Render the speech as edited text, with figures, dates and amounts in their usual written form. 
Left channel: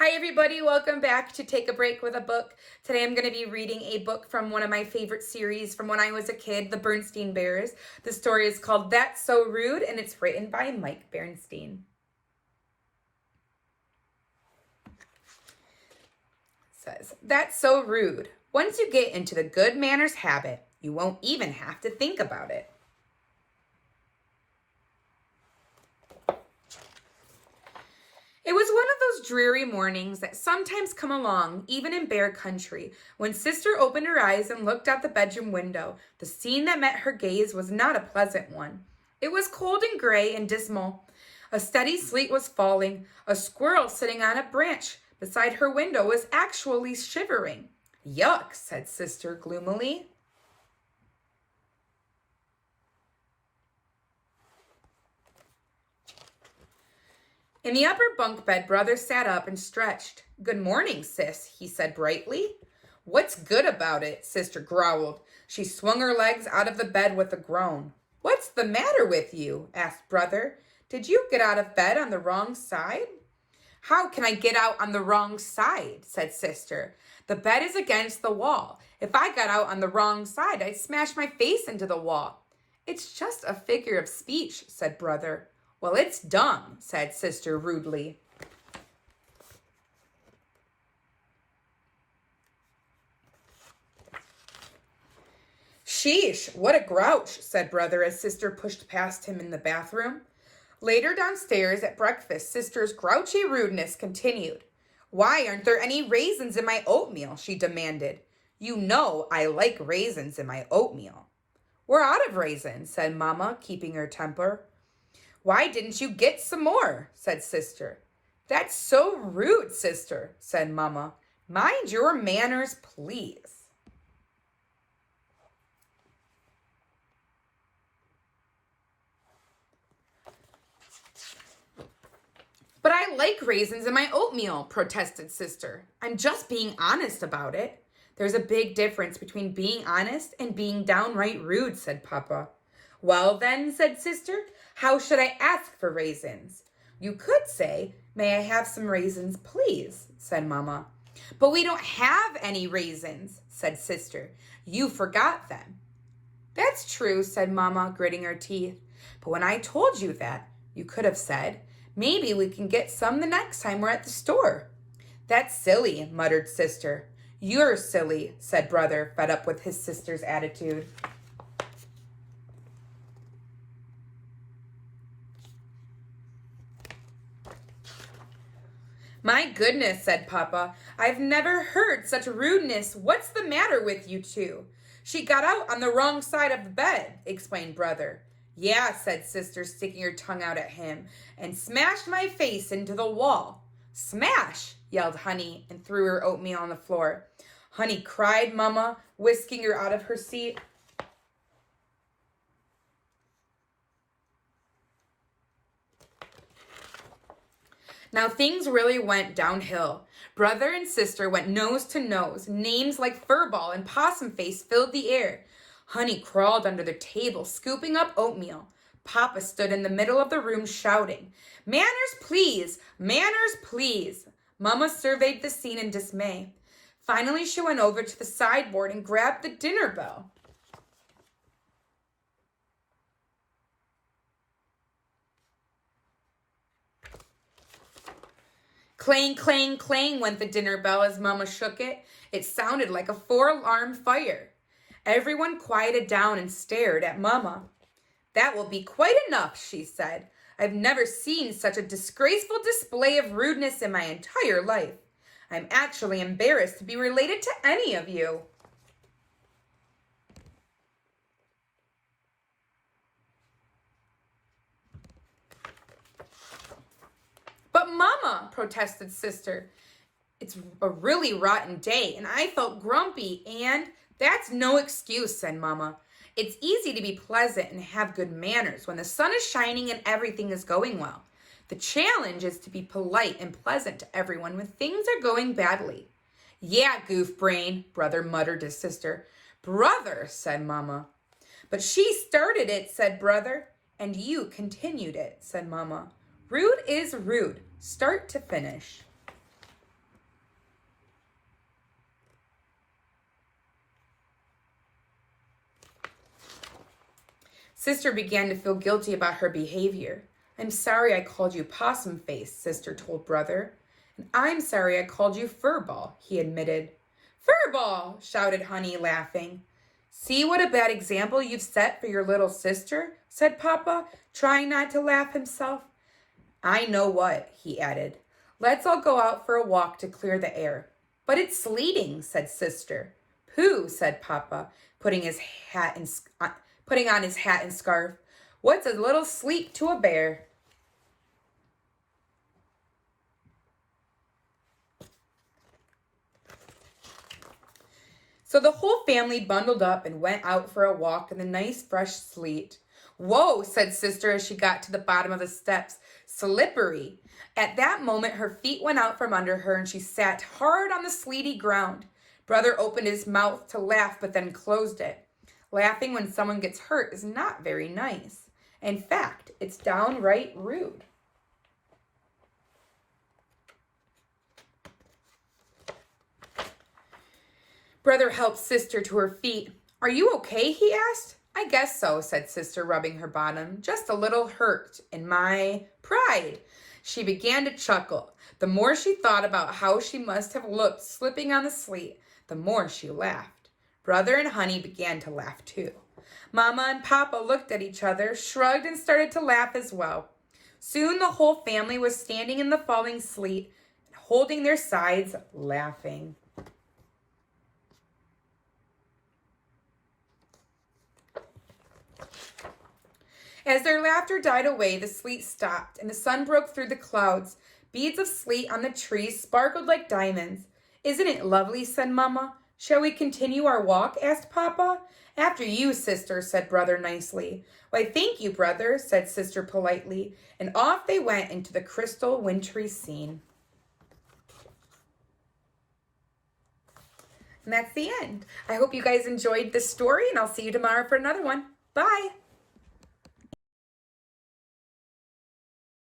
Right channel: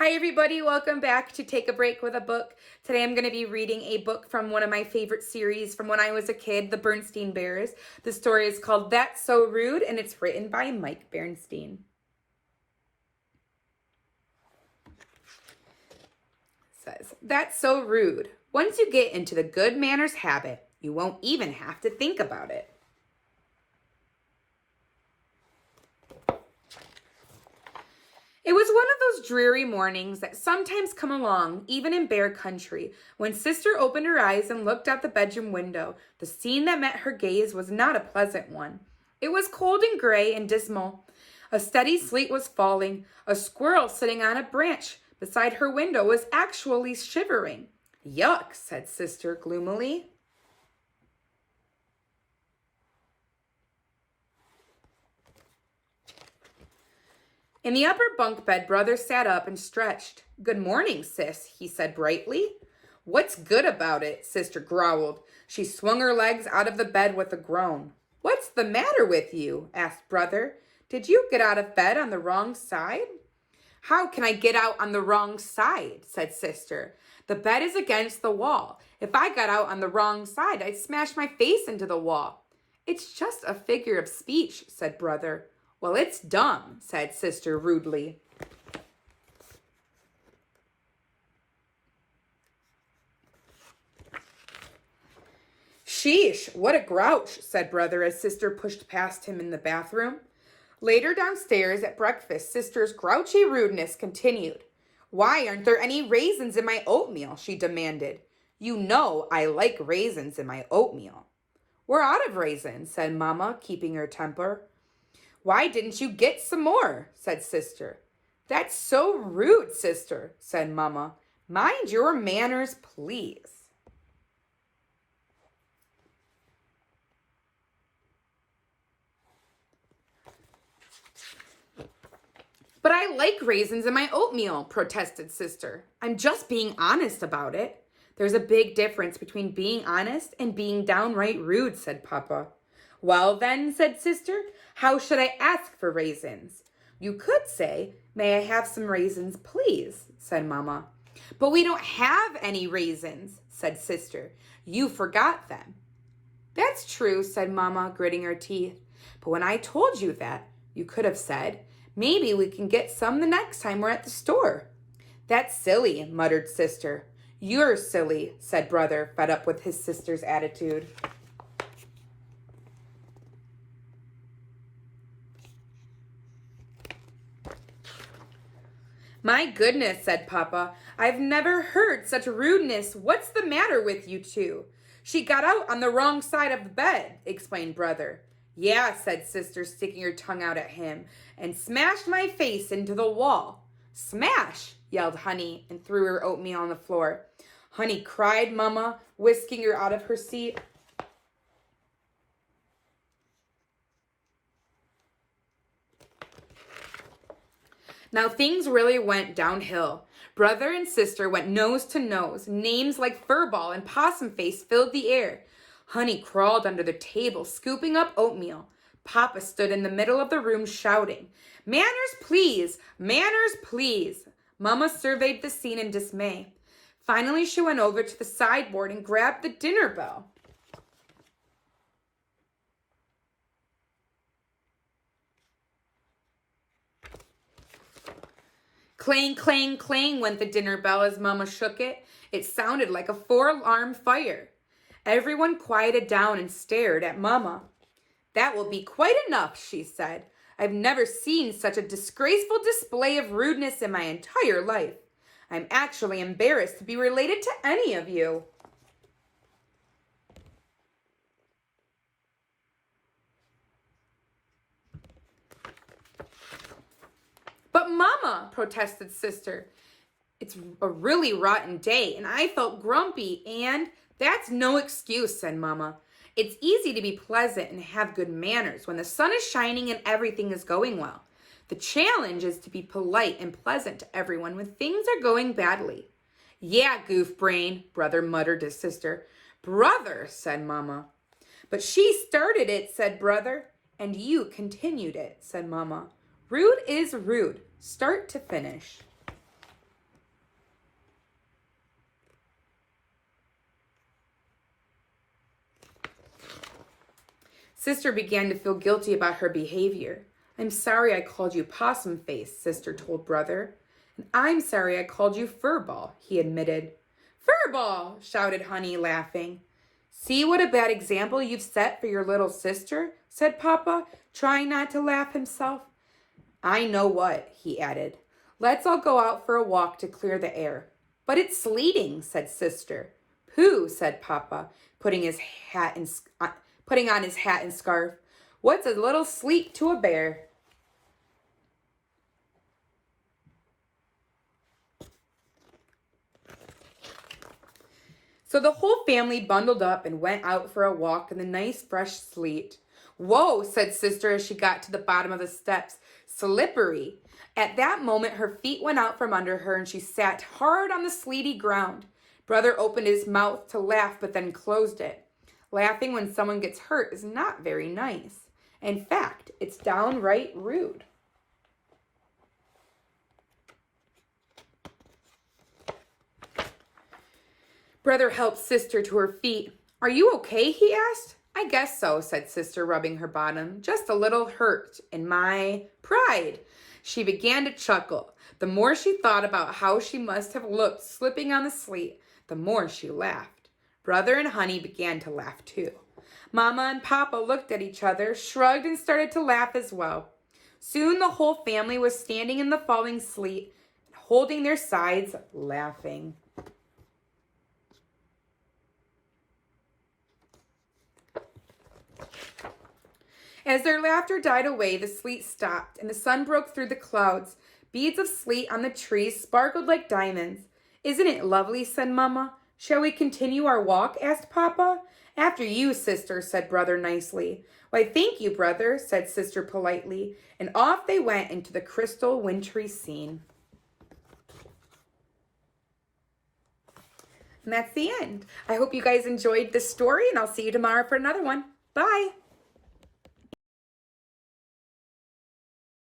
Hi everybody, welcome back to Take a Break with a Book. Today I'm going to be reading a book from one of my favorite series from when I was a kid, the Berenstain Bears. The story is called That's So Rude and it's written by Mike Berenstain. It says, that's so rude. Once you get into the good manners habit, you won't even have to think about it. It was one of those dreary mornings that sometimes come along, even in bear country. When Sister opened her eyes and looked out the bedroom window, the scene that met her gaze was not a pleasant one. It was cold and gray and dismal. A steady sleet was falling. A squirrel sitting on a branch beside her window was actually shivering. Yuck, said Sister gloomily. In the upper bunk bed, Brother sat up and stretched. Good morning, Sis, he said brightly. What's good about it? Sister growled. She swung her legs out of the bed with a groan. What's the matter with you? Asked Brother. Did you get out of bed on the wrong side? How can I get out on the wrong side? Said Sister. The bed is against the wall. If I got out on the wrong side, I'd smash my face into the wall. It's just a figure of speech, said Brother. Well, it's dumb, said Sister rudely. Sheesh, what a grouch, said Brother as Sister pushed past him in the bathroom. Later downstairs at breakfast, Sister's grouchy rudeness continued. Why aren't there any raisins in my oatmeal? She demanded. You know I like raisins in my oatmeal. We're out of raisins, said Mama, keeping her temper. Why didn't you get some more? Said Sister. That's so rude, Sister, said Mama. Mind your manners, please. But I like raisins in my oatmeal, protested Sister. I'm just being honest about it. There's a big difference between being honest and being downright rude, said Papa. Well then, said Sister, how should I ask for raisins? You could say, may I have some raisins, please, said Mama. But we don't have any raisins, said Sister. You forgot them. That's true, said Mama, gritting her teeth. But when I told you that, you could have said, maybe we can get some the next time we're at the store. That's silly, muttered Sister. You're silly, said Brother, fed up with his sister's attitude. My goodness, said Papa, I've never heard such rudeness. What's the matter with you two? She got out on the wrong side of the bed, explained Brother. Yeah, said Sister, sticking her tongue out at him, and smashed my face into the wall. Smash, yelled Honey, and threw her oatmeal on the floor. Honey cried, Mama, whisking her out of her seat. Now things really went downhill. Brother and Sister went nose to nose. Names like Furball and Possum Face filled the air. Honey crawled under the table, scooping up oatmeal. Papa stood in the middle of the room shouting, Manners, please! Manners, please! Mama surveyed the scene in dismay. Finally, she went over to the sideboard and grabbed the dinner bell. Clang, clang, clang went the dinner bell as Mama shook it. It sounded like a 4-alarm fire. Everyone quieted down and stared at Mama. That will be quite enough, she said. I've never seen such a disgraceful display of rudeness in my entire life. I'm actually embarrassed to be related to any of you. But Mama, protested Sister, it's a really rotten day and I felt grumpy and that's no excuse, said Mama. It's easy to be pleasant and have good manners when the sun is shining and everything is going well. The challenge is to be polite and pleasant to everyone when things are going badly. Yeah, goof brain, Brother muttered to Sister. Brother, said Mama. But she started it, said Brother. And you continued it, said Mama. Rude is rude, start to finish. Sister began to feel guilty about her behavior. I'm sorry I called you possum face, Sister told brother. And I'm sorry I called you furball, he admitted. Furball, shouted Honey, laughing. See what a bad example you've set for your little sister, said Papa, trying not to laugh himself. I know what, he added. Let's all go out for a walk to clear the air. But it's sleeting, said Sister. Pooh, said Papa, putting on his hat and scarf. What's a little sleet to a bear? So the whole family bundled up and went out for a walk in the nice fresh sleet. Whoa, said Sister as she got to the bottom of the steps. Slippery. At that moment, her feet went out from under her and she sat hard on the sleety ground. Brother opened his mouth to laugh but then closed it. Laughing when someone gets hurt is not very nice. In fact, it's downright rude. Brother helped Sister to her feet. Are you okay? He asked. I guess so, said Sister, rubbing her bottom. Just a little hurt in my pride. She began to chuckle. The more she thought about how she must have looked slipping on the sleet, the more she laughed. Brother and Honey began to laugh too. Mama and Papa looked at each other, shrugged, and started to laugh as well. Soon the whole family was standing in the falling sleet, holding their sides, laughing. As their laughter died away, the sleet stopped, and the sun broke through the clouds. Beads of sleet on the trees sparkled like diamonds. Isn't it lovely, said Mama. Shall we continue our walk, asked Papa. After you, Sister, said Brother nicely. Why, thank you, Brother, said Sister politely, and off they went into the crystal wintry scene. And that's the end. I hope you guys enjoyed this story, and I'll see you tomorrow for another one. Bye.